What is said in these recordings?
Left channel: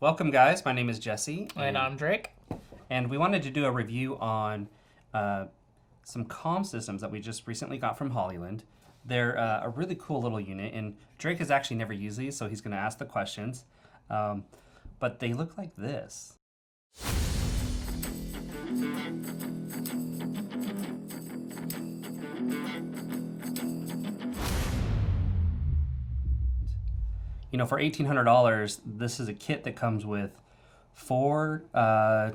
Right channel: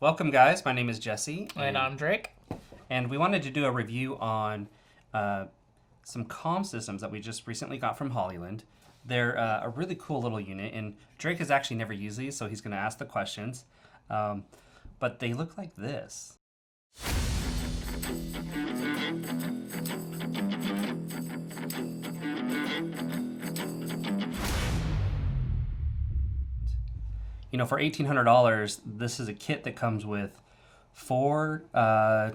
Welcome, guys. My name is Jesse. And I'm Drake. And we wanted to do a review on some comm systems that we just recently got from Hollyland. They're a really cool little unit, and Drake has actually never used these, so he's going to ask the questions. But they look like this. You know, for $1,800, this is a kit that comes with 4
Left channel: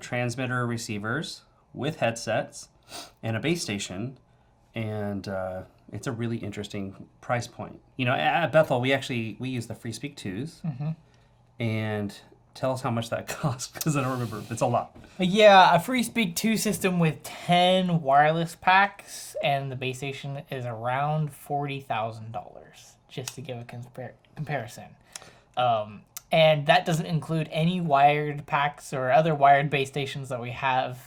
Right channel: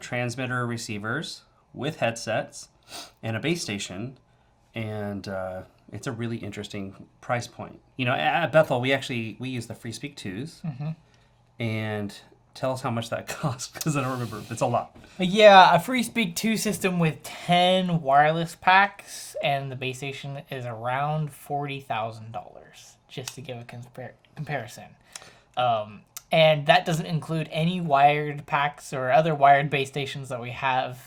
transmitter receivers with headsets and a base station, and it's a really interesting price point. You know, at Bethel, we use the FreeSpeak 2s, and tell us how much that costs, because I don't remember. It's a lot. Yeah, a FreeSpeak 2 system with 10 wireless packs, and the base station is around $40,000, just to give a comparison. And that doesn't include any wired packs or other wired base stations that we have.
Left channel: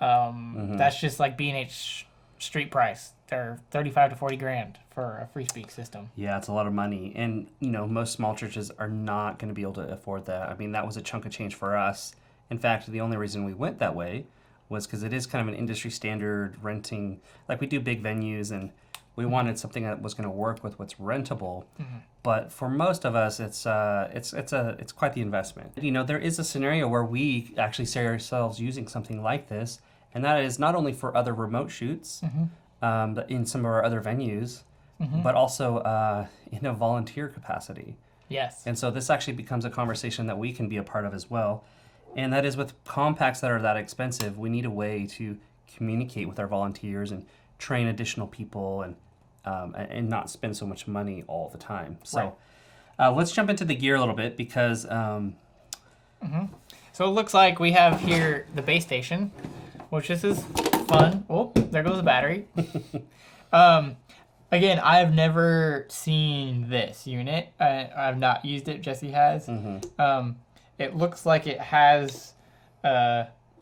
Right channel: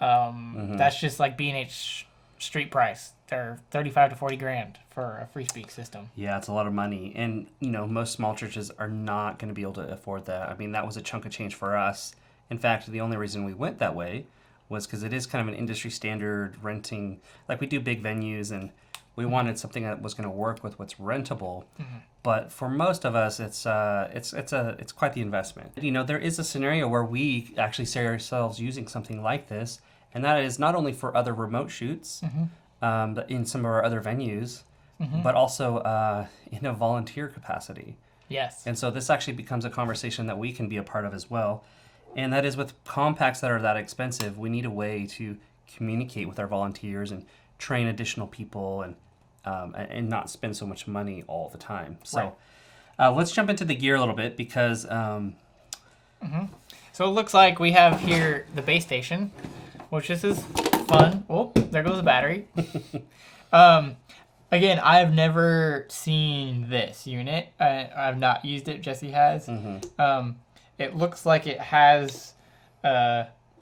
That's just like B&H street price. They're 35 to 40 grand for a FreeSpeak system. Yeah, it's a lot of money. And, you know, most small churches are not going to be able to afford that. I mean, that was a chunk of change for us. In fact, the only reason we went that way was because it is kind of an industry standard renting. Like, we do big venues, and we wanted something that was going to work with what's rentable. But for most of us, it's quite the investment. You know, there is a scenario where we actually see ourselves using something like this, and that is not only for other remote shoots, but in some of our other venues, but also in a volunteer capacity. Yes. And so this actually becomes a conversation that we can be a part of as well. And that is, with compacts that are that expensive, we need a way to communicate with our volunteers and train additional people and not spend so much money all the time. So let's jump into the gear a little bit, because So it looks like we have here the base station, which this is fun. Oh, there goes the battery. Again, I've never seen this unit. I've not used it. Jesse has. It looks like it has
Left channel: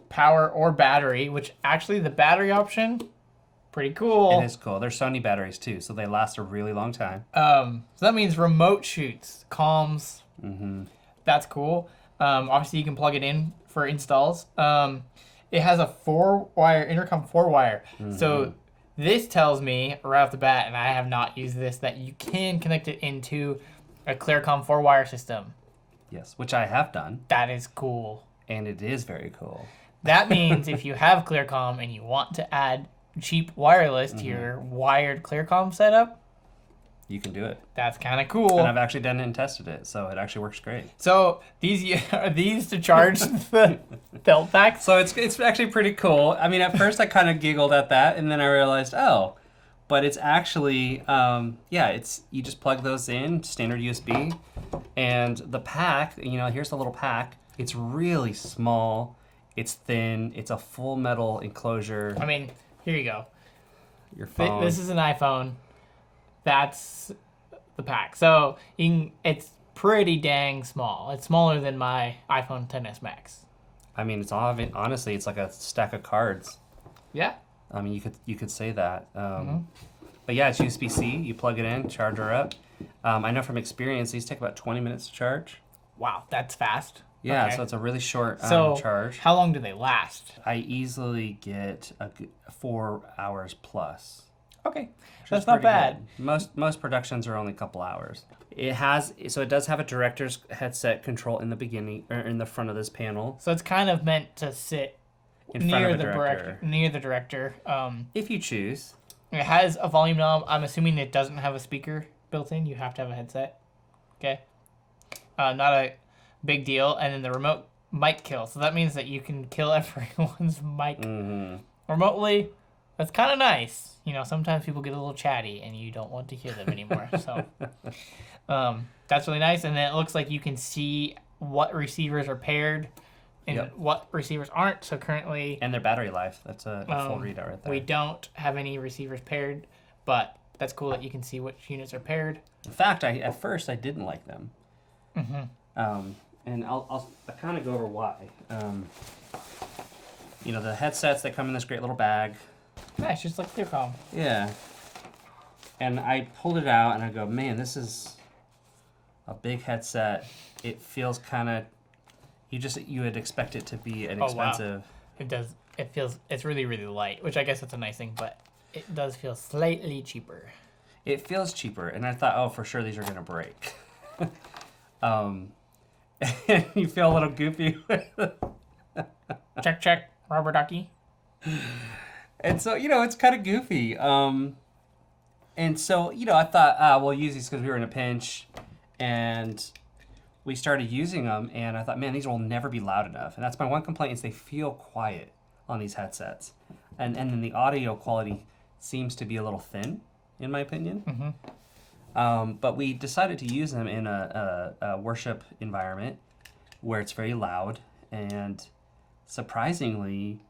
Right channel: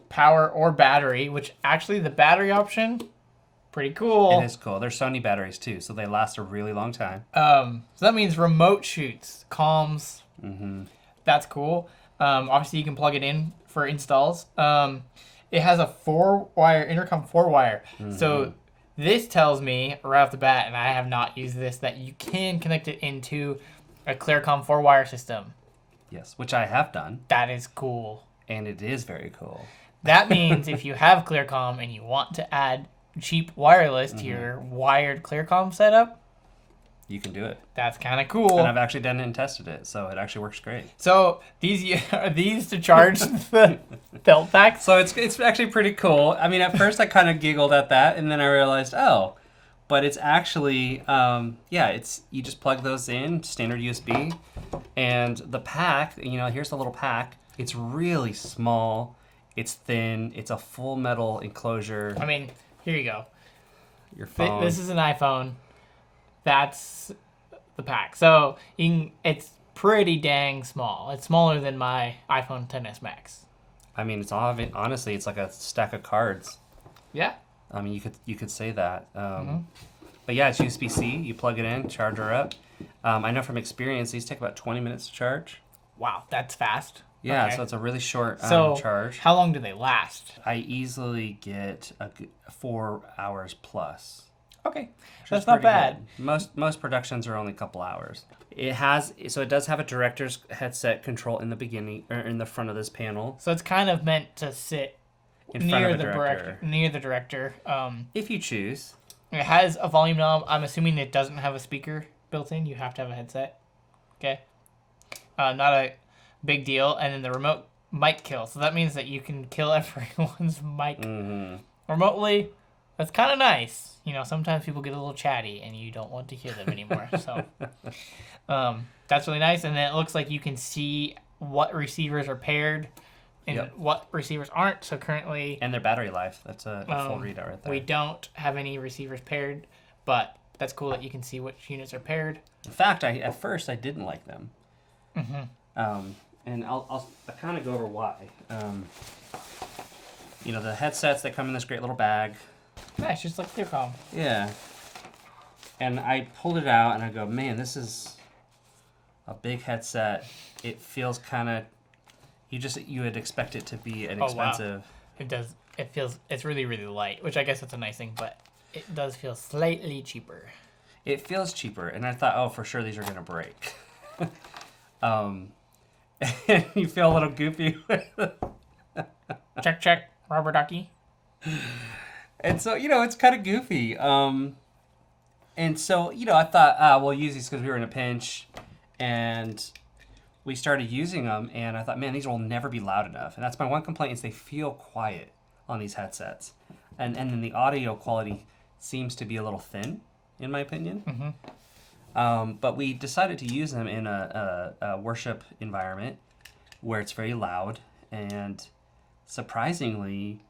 power or battery, which actually the battery option, pretty cool. It is cool. They're Sony batteries too, so they last a really long time. So that means remote shoots, comms. That's cool. Obviously, you can plug it in for installs. It has a 4-wire intercom, 4-wire. So this tells me right off the bat, and I have not used this, that you can connect it into a Clearcom 4-wire system. Yes, which I have done. That is cool. And it is very cool. That means if you have Clearcom and you want to add cheap wireless to your wired Clearcom setup, you can do it. That's kind of cool. And I've actually done it and tested it, so it actually works great. So are these to charge the belt pack? So it's actually pretty cool. I mean, at first I kind of giggled at that, and then I realized, oh, but it's actually, you just plug those in, standard USB, and the pack, you know, here's the little pack. It's really small. It's thin. It's a full metal enclosure. I mean, here you go. Your phone. This is an iPhone. That's the pack. So it's pretty dang small. It's smaller than my iPhone XS Max. I mean, honestly, it's like a stack of cards. Yeah. I mean, you could say that. But yeah, it's USB-C. You plug it in, charger up. I know from experience, these take about 20 minutes to charge. Wow, that's fast. Yeah, Okay. So it's a really short charge. How long do they last? I easily get 4 hours plus. Okay, that's not bad. Good. Most productions are only a couple hours. It does have a director's headset control in the beginning, or in the front of this panel. So it's kind of meant to sit in front of the director. Near the director. If you choose. It has a volume knob. I'm assuming it doesn't have a speaker built in. You have to have a headset. Okay. Not a big deal. And then the remote mic kill. So that means that you can kill everyone's mic remotely. That's kind of nice. You know, sometimes people get a little chatty and you don't want to hear them anymore. So that's really nice. And then it looks like you can see what receivers are paired and what receivers aren't. So currently... And their battery life. That's a full readout right there. We don't have any receivers paired, but that's cool that you can see which units are paired. In fact, at first I didn't like them. And I'll kind of go over why. You know, the headsets, they come in this great little bag. Nice, just like Clearcom. Yeah. And I pulled it out and I go, man, this is a big headset. It feels kind of you would expect it to be an Oh, wow. expensive. It does. It's really, really light, which I guess that's a nice thing, but it does feel slightly cheaper. It feels cheaper, and I thought, oh, for sure these are gonna break. You feel a little goofy. Check, rubber ducky. And so, it's kind of goofy. And so, I thought, we'll use these because we were in a pinch, and we started using them, and I thought, man, these will never be loud enough. And that's my one complaint, is they feel quiet on these headsets. And then the audio quality seems to be a little thin, in my opinion. But we decided to use them in a worship environment where it's very loud, and surprisingly,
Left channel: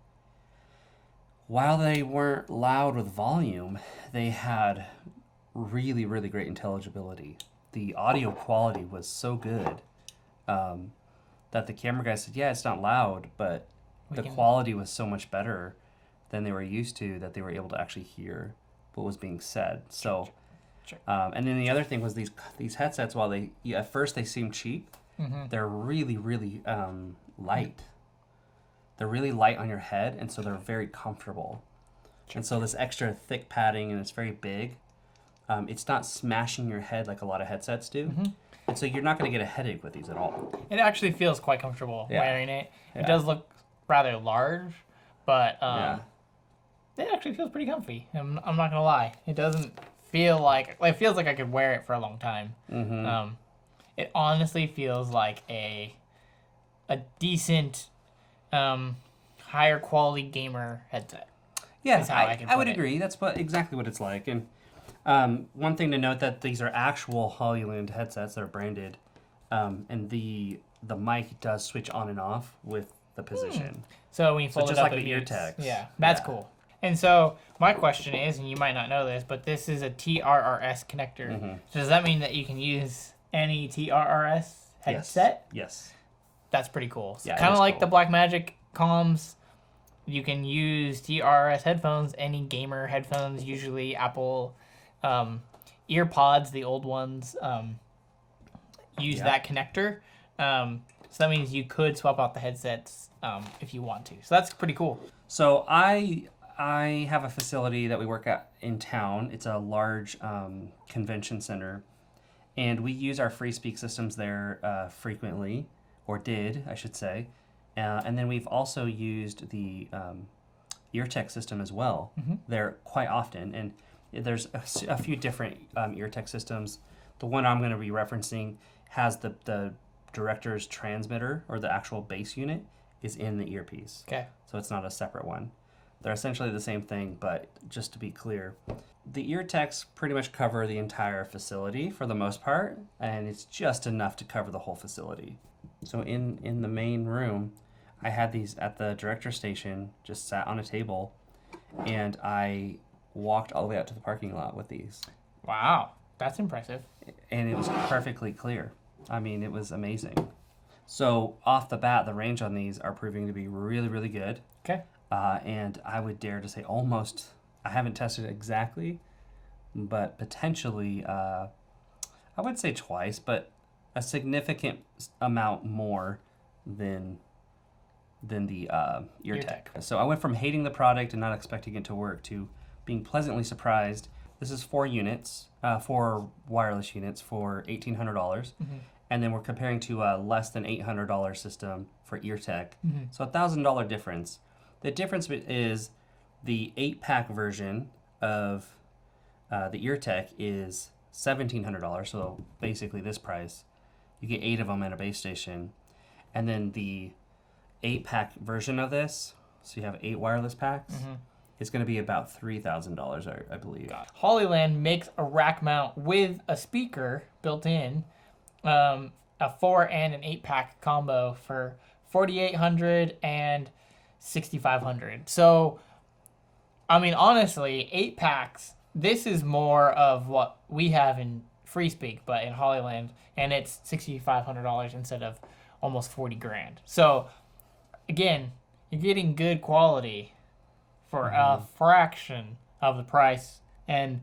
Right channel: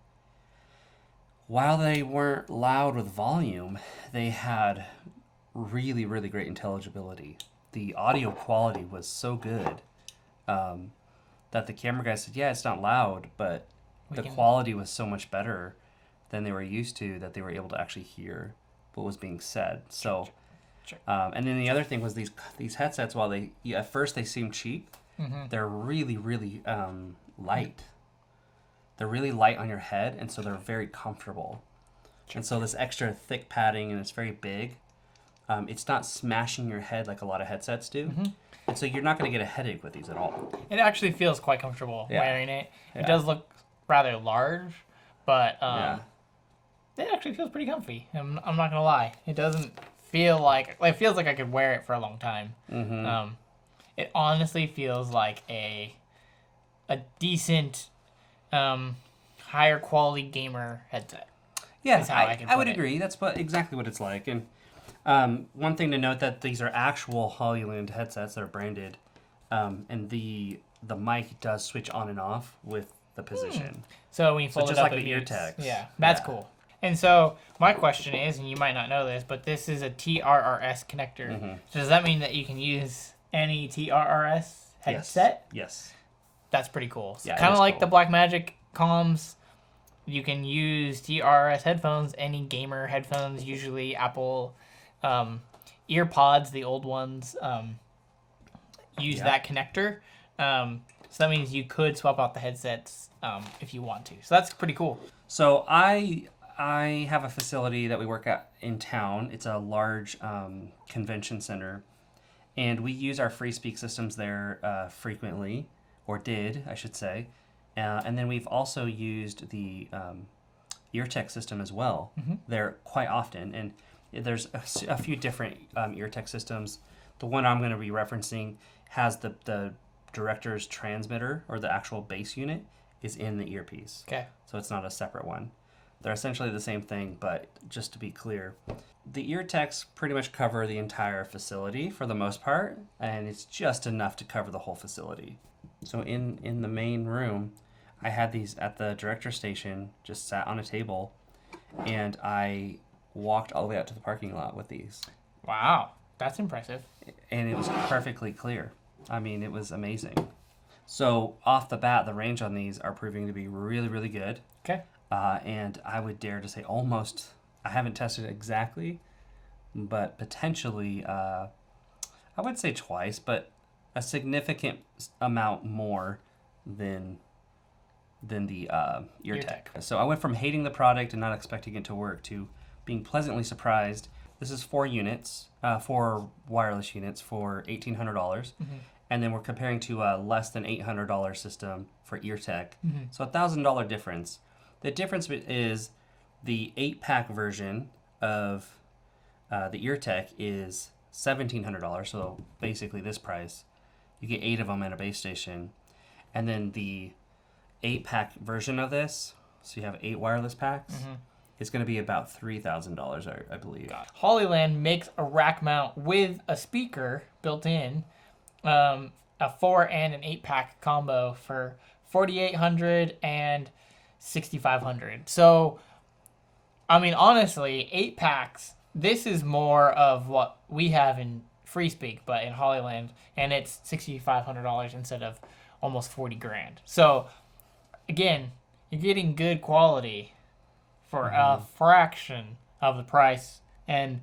while they weren't loud with volume, they had really, really great intelligibility. The audio quality was so good that the camera guy said, yeah, it's not loud, but the quality was so much better than they were used to that they were able to actually hear what was being said. So, and then the other thing was these headsets, while at first they seem cheap, they're really, really light. They're really light on your head, and so they're very comfortable. And so this extra thick padding, and it's very big, it's not smashing your head like a lot of headsets do. And so you're not going to get a headache with these at all. It actually feels quite comfortable wearing it. It does look rather large, but it actually feels pretty comfy. I'm not going to lie. It doesn't feel like... It feels like I could wear it for a long time. It honestly feels like a decent... higher quality gamer headset. Yeah, I would agree. That's exactly what it's like. And one thing to note, that these are actual Hollyland headsets that are branded, and the mic does switch on and off with the position. So when you fold just it up, like it the ear beeps. tags. Yeah, that's cool. And so my question is, and you might not know this, but this is a TRRS connector. So does that mean that you can use any TRRS headset? Yes. That's pretty cool. So Yeah, kind of like cool. the Blackmagic comms, you can use TRRS headphones, any gamer headphones, usually Apple EarPods, the old ones, use that connector. So that means you could swap out the headsets if you want to. So that's pretty cool. So I have a facility that we work at in town. It's a large convention center, and we use our free speak systems there frequently, or did, I should say. And then we've also used the EarTech system as well there quite often. And there's a few different EarTech systems. The one I'm going to be referencing has the director's transmitter, or the actual base unit, is in the earpiece. Okay. So it's not a separate one. They're essentially the same thing, but just to be clear, the EarTechs pretty much cover the entire facility for the most part, and it's just enough to cover the whole facility. So in the main room, I had these at the director station, just sat on a table, and I walked all the way out to the parking lot with these. Wow, that's impressive. And it was perfectly clear. I mean, it was amazing. So off the bat, the range on these are proving to be really, really good. Okay. And I would dare to say almost, I haven't tested it exactly, but potentially, I would say twice, but a significant amount more than the EarTech. So I went from hating the product and not expecting it to work to being pleasantly surprised. This is 4 units, 4 wireless units for $1,800. And then we're comparing to a less than $800 system for EarTech. So $1,000 difference. The difference is the 8-pack version of the EarTech is $1,700. So basically this price. You get 8 of them at a base station. And then the 8-pack version of this, so you have 8 wireless packs, it's going to be about $3,000, I believe. Hollyland makes a rack mount with a speaker built in, a 4 and an 8-pack combo for $4,800 and $6,500. So, I mean, honestly, 8 packs, this is more of what we have in Free Speak, but in Hollyland, and it's $6,500 instead of almost $40,000. So, again, you're getting good quality for a fraction of the price, and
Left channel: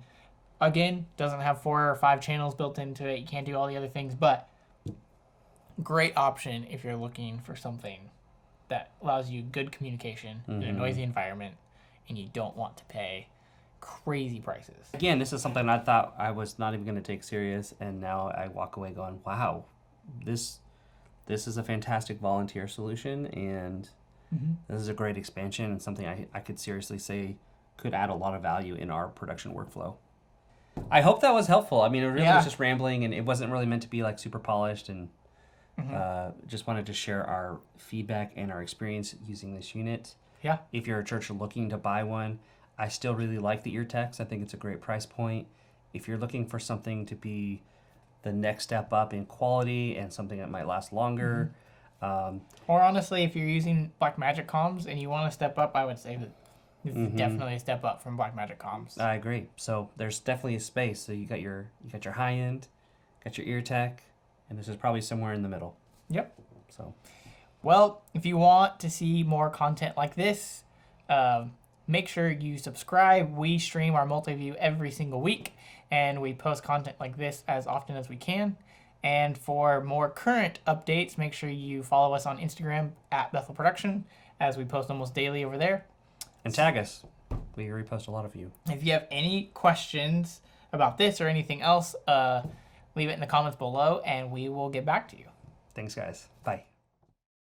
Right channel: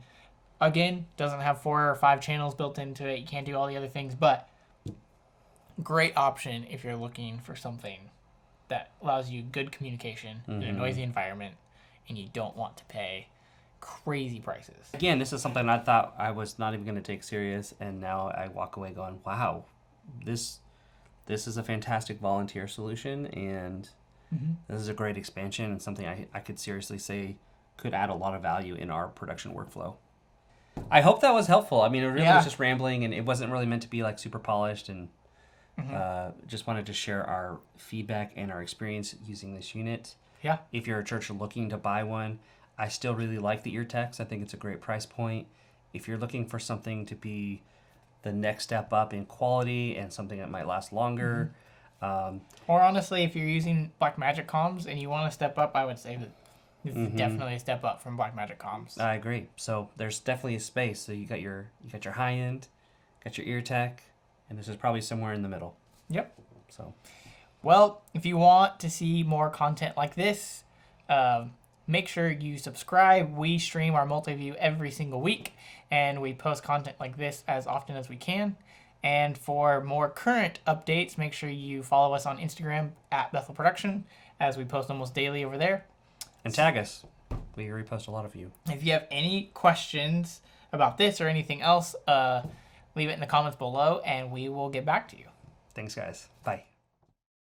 again, doesn't have 4 or 5 channels built into it. You can't do all the other things, but great option if you're looking for something that allows you good communication in a noisy environment, and you don't want to pay crazy prices. Again, this is something I thought I was not even going to take serious, and now I walk away going, wow, this is a fantastic volunteer solution, and this is a great expansion, and something I could seriously say could add a lot of value in our production workflow. I hope that was helpful. I mean, it really was just rambling, and it wasn't really meant to be like super polished, and just wanted to share our feedback and our experience using this unit. Yeah. If you're a church looking to buy one, I still really like the EarTechs. I think it's a great price point. If you're looking for something to be the next step up in quality and something that might last longer. Or honestly, if you're using Blackmagic comms and you want to step up, I would say that this is definitely a step up from Blackmagic comms. I agree. So there's definitely a space. So you got your high end, got your EarTech, and this is probably somewhere in the middle. Yep. So, well, if you want to see more content like this, make sure you subscribe. We stream our multi-view every single week, and we post content like this as often as we can. And for more current updates, make sure you follow us on Instagram at Bethel Production, as we post almost daily over there. And tag us. We repost a lot of you. If you have any questions about this or anything else, leave it in the comments below, and we will get back to you. Thanks, guys. Bye.